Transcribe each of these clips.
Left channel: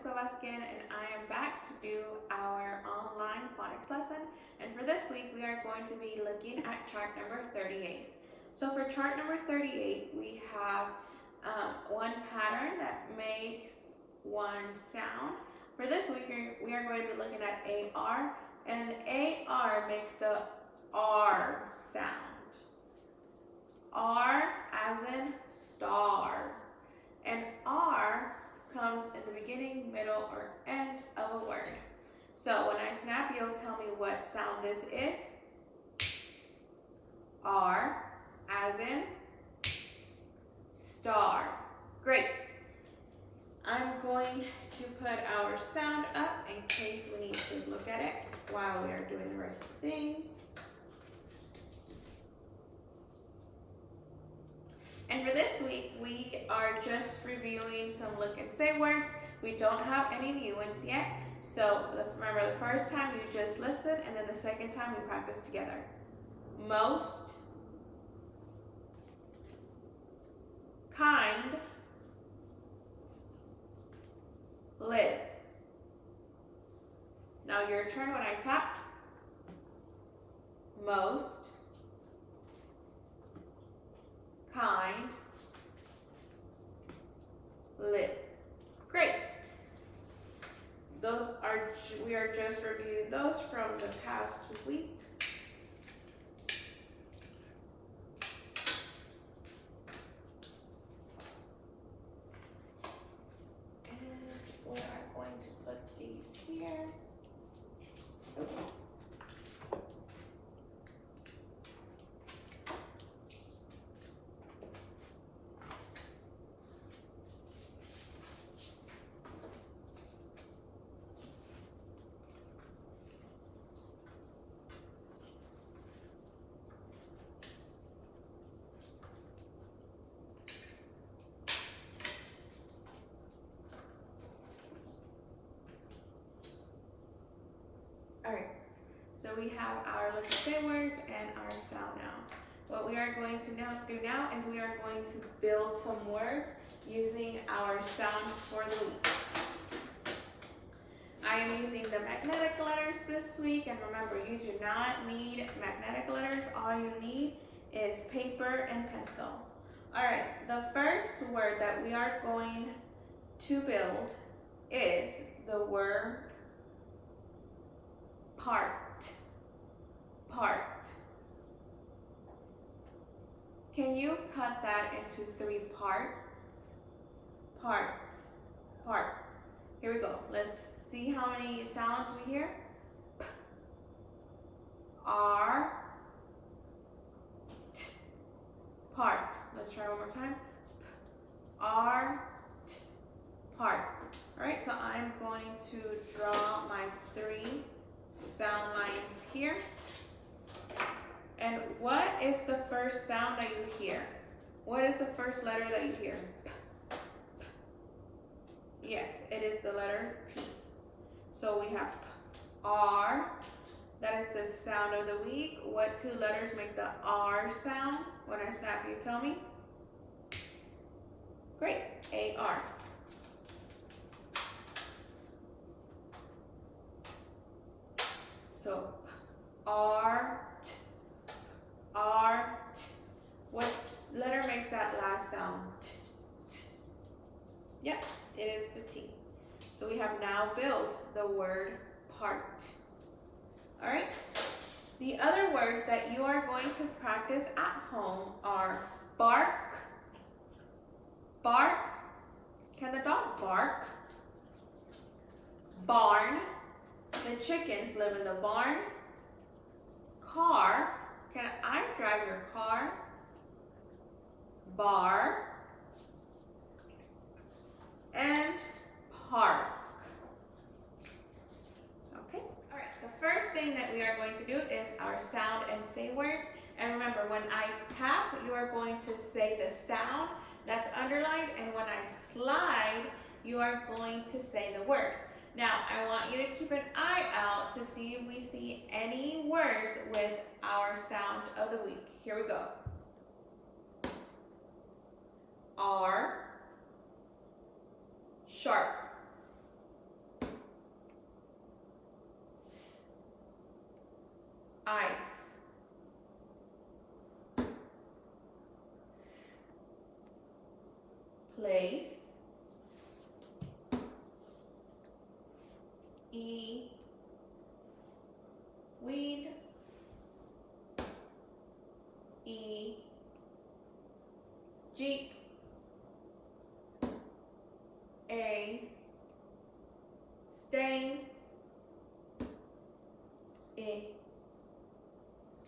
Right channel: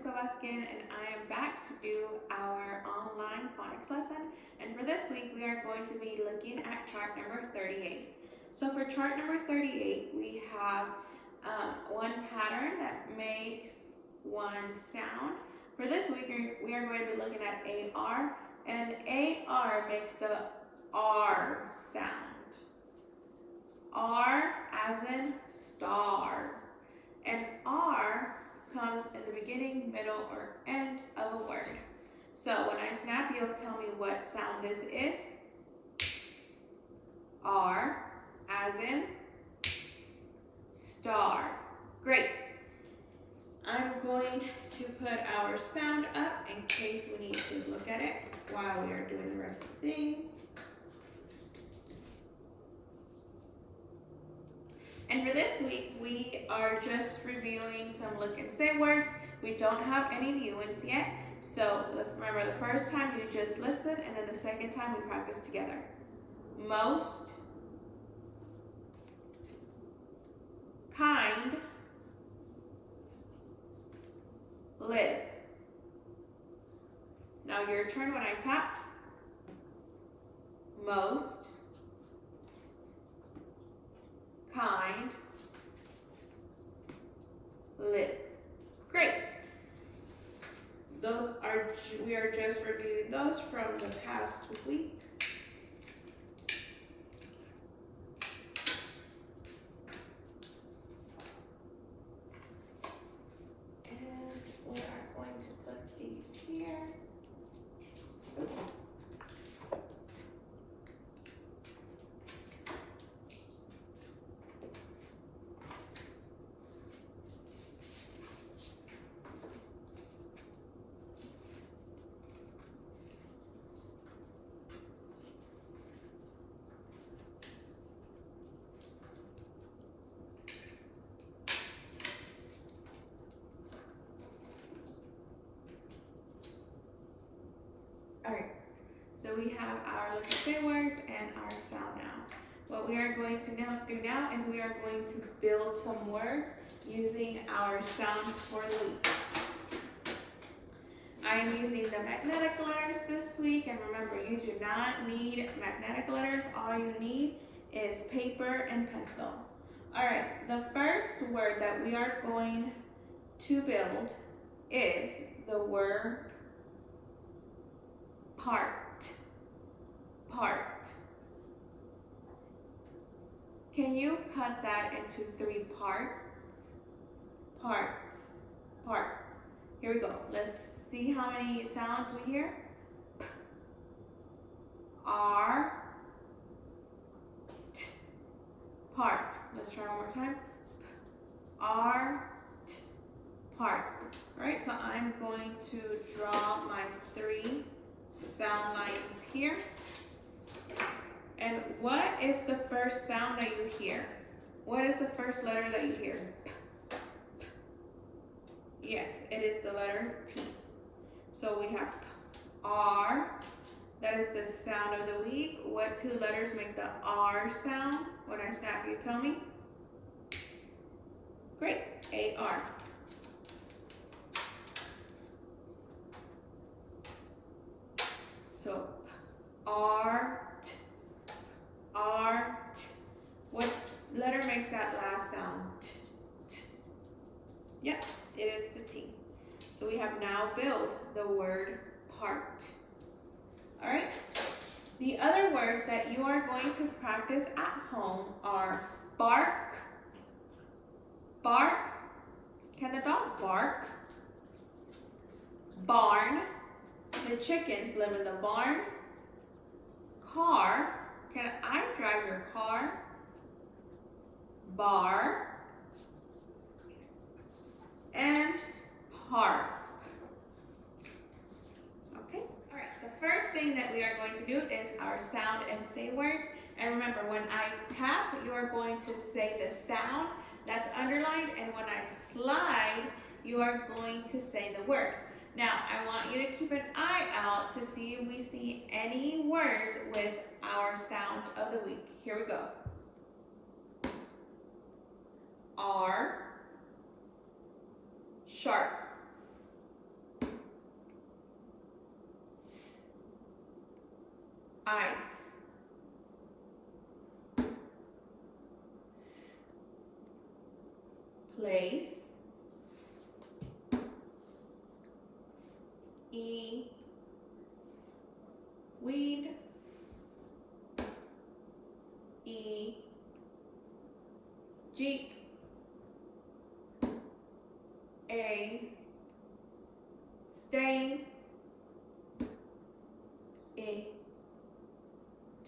Kovaskin, and I am back to do our online phonics lesson. And for this week, we are going to be looking at chart number 38. So for chart number 38, we have one pattern that makes one sound. For this week, we are going to be looking at AR, and AR makes the R sound. R as in star. And R comes in the beginning, middle, or end of a word. So when I snap, you'll tell me what sound this is. R as in star. Great. I'm going to put our sound up in case we need to look at it while we are doing the rest of the thing. And for this week, we are just reviewing some look and say words. We don't have any new ones yet. So remember, the first time you just listen, and then the second time we practice together. Most, kind, live. Now your turn when I tap. Most, kind, live. Great. We are just reviewing those from the past week. And we are going to put these here. So we have our look and say words and our sound now. What we are going to now do now is we are going to build some words using our sound for the week. I am using the magnetic letters this week, and remember, you do not need magnetic letters. All you need is paper and pencil. All right, the first word that we are going to build is the word part. Part. Can you cut that into 3 parts? Parts. Part. Here we go. Let's see how many sounds we hear. P, R, T. Part. Let's try one more time. P, R, T. Part. All right, so I'm going to draw my 3 sound lines here. And what is the first sound that you hear? What is the first letter that you hear? P, P. Yes, it is the letter P. So we have P, R. That is the sound of the week. What 2 letters make the R sound? When I snap, you tell me. Great, A-R. So R, T, R, T. What letter makes that last sound? T, T. Yep, it is the T. So we have now built the word part. All right. The other words that you are going to practice at home are bark. Bark. Can the dog bark? Barn. The chickens live in the barn. Car. Can I drive your car? Bar. And park. Okay, all right. The first thing that we are going to do is our sound and say words. And remember, when I tap, you are going to say the sound that's underlined. And when I slide, you are going to say the word. Now, I want you to keep an eye out to see if we see any words with our sound of the week. Here we go. R, sharp. ice. Place. E. Weed. E. Jeep. A. Stain. A.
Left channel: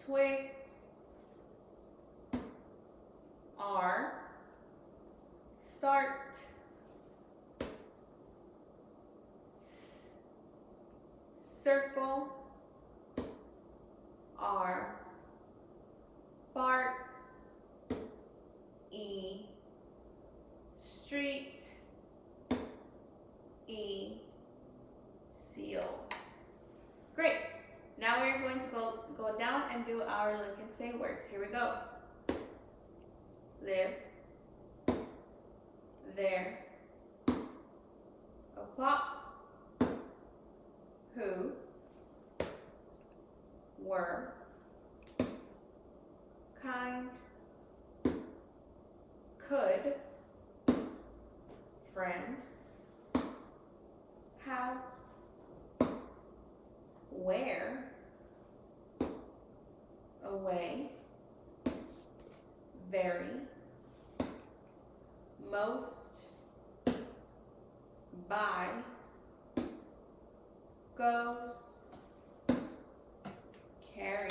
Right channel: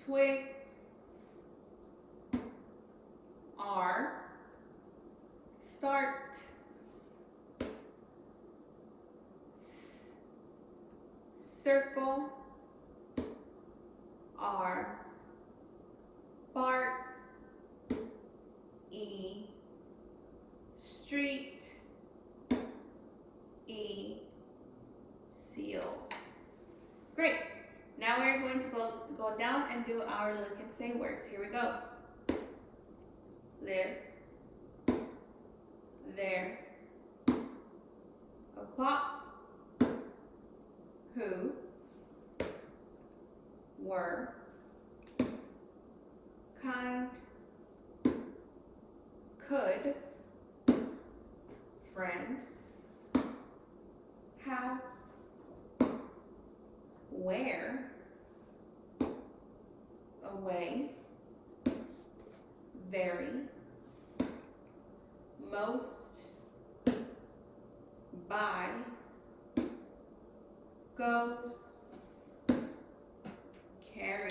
Twig. R. Start. Circle. R. Bark. E. Street. E. Seal. Great. Now we're going to go down and do our look and say words. Here we go. Live. There. O'clock. Who. Were. Kind. Could. Friend. Have. Where. Away. Very. Most. By. Goes. Carry.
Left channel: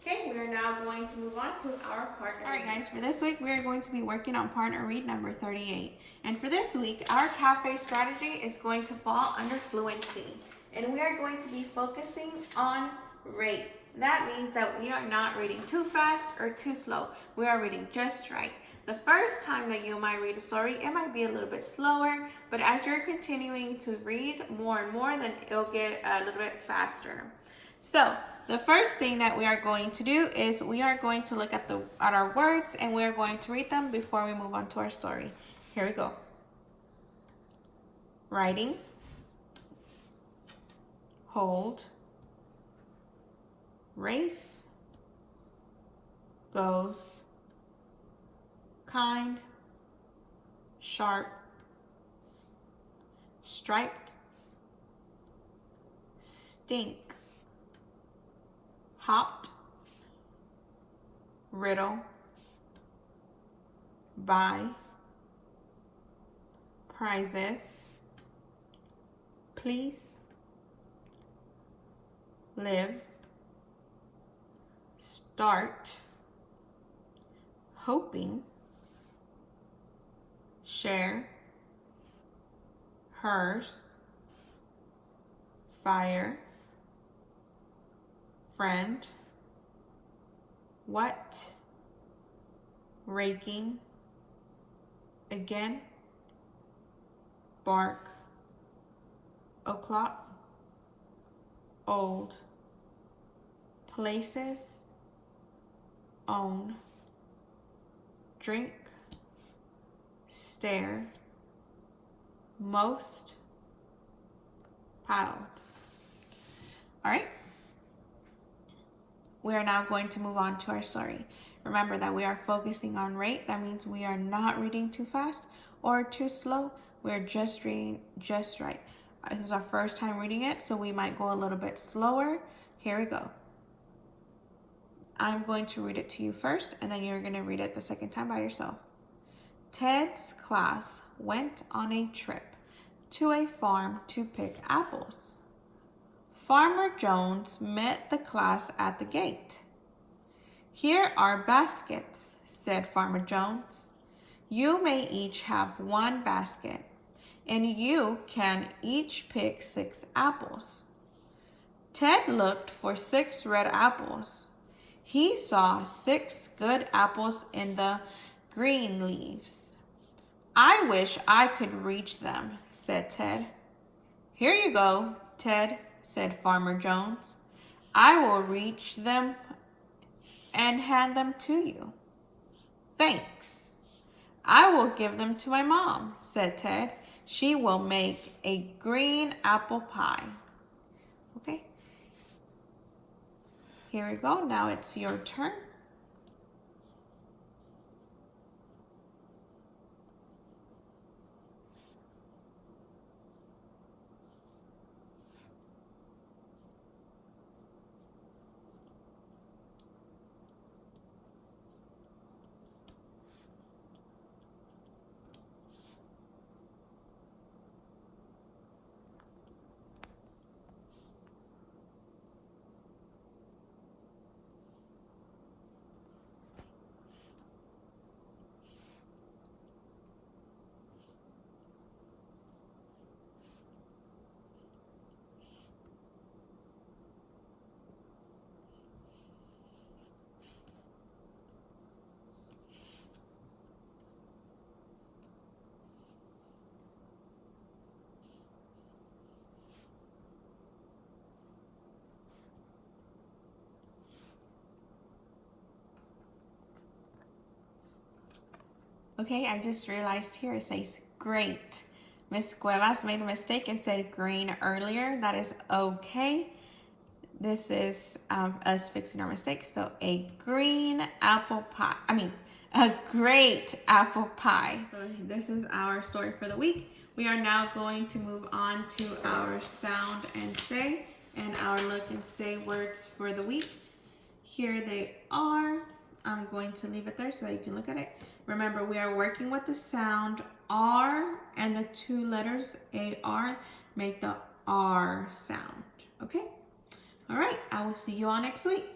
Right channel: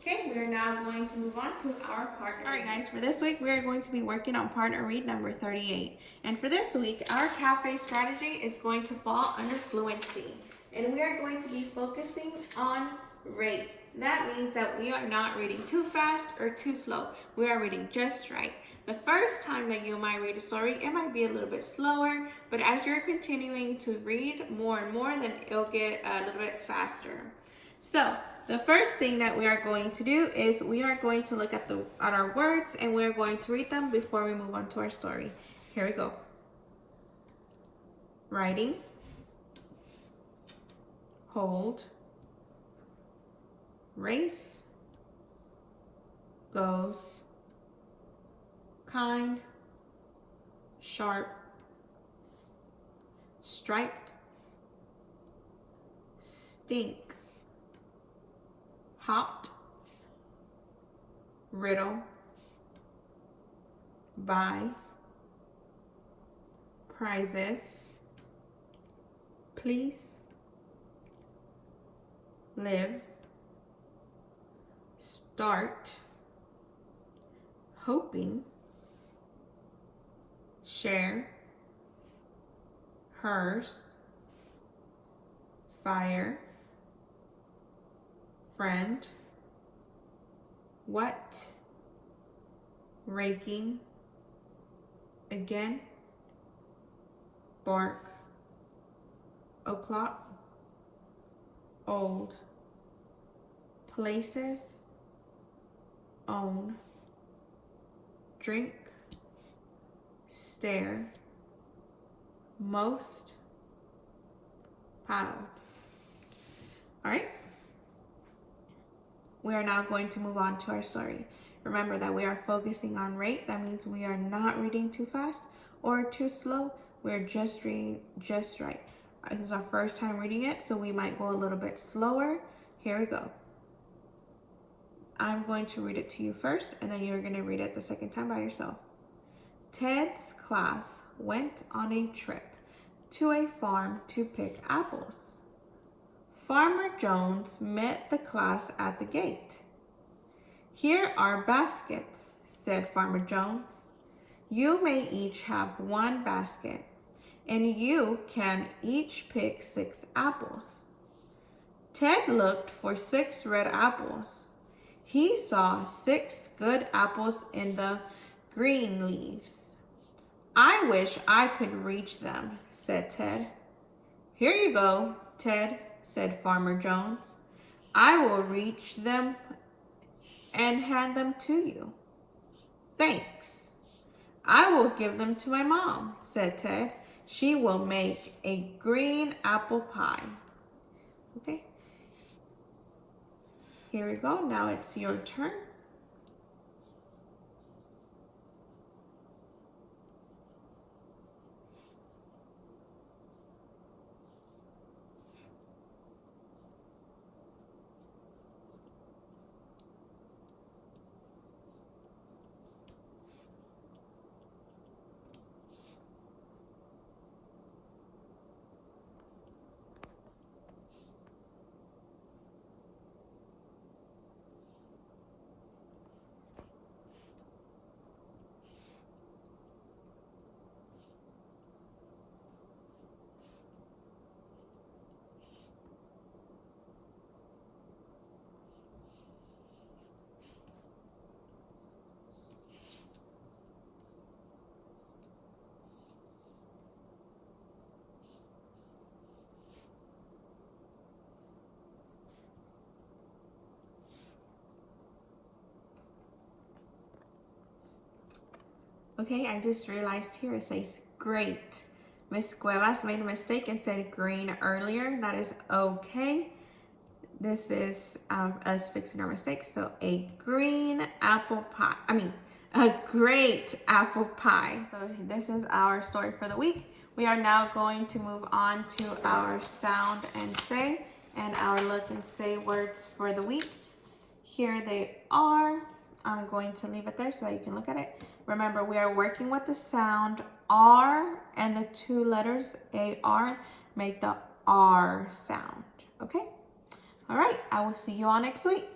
Okay, we're now going to move on to our partner. All right, guys, for this week, we're going to be working on partner read number 38. And for this week, our cafe strategy is going to fall under fluency. And we are going to be focusing on rate. That means that we are not reading too fast or too slow. We are reading just right. The first time that you might read a story, it might be a little bit slower, but as you're continuing to read more and more, then it'll get a little bit faster. So the first thing that we are going to do is we are going to look at our words and we're going to read them before we move on to our story. Here we go. Writing. Hold. Race. Goes. Kind. Sharp. Striped. Stink. Hopped. Riddle. Buy. Prizes. Please. Live. Start. Hoping. Share. Hers. Fire. Friend. What. Raking. Again. Bark. O'clock. Old. Places. Own. Drink. Stare. Most. Pile. All right. We are now going to move on to our story. Remember that we are focusing on rate. That means we are not reading too fast or too slow. We're just reading just right. This is our first time reading it, so we might go a little bit slower. Here we go. I'm going to read it to you first, and then you're going to read it the second time by yourself. Ted's class went on a trip to a farm to pick apples. Farmer Jones met the class at the gate. "Here are baskets," said Farmer Jones. "You may each have one basket, and you can each pick 6 apples." Ted looked for 6 red apples. He saw 6 good apples in the green leaves. "I wish I could reach them," said Ted. "Here you go, Ted," said Farmer Jones. "I will reach them and hand them to you." "Thanks. I will give them to my mom," said Ted. "She will make a green apple pie." Okay. Here we go. Now it's your turn. Okay, I just realized here it says great. Miss Cuevas made a mistake and said green earlier. That is okay. This is us fixing our mistakes. So a green apple pie. A great apple pie. So this is our story for the week. We are now going to move on to our sound and say and our look and say words for the week. Here they are. I'm going to leave it there so that you can look at it. Remember, we are working with the sound R, and the two letters AR make the R sound. Okay? All right, I will see you all next week.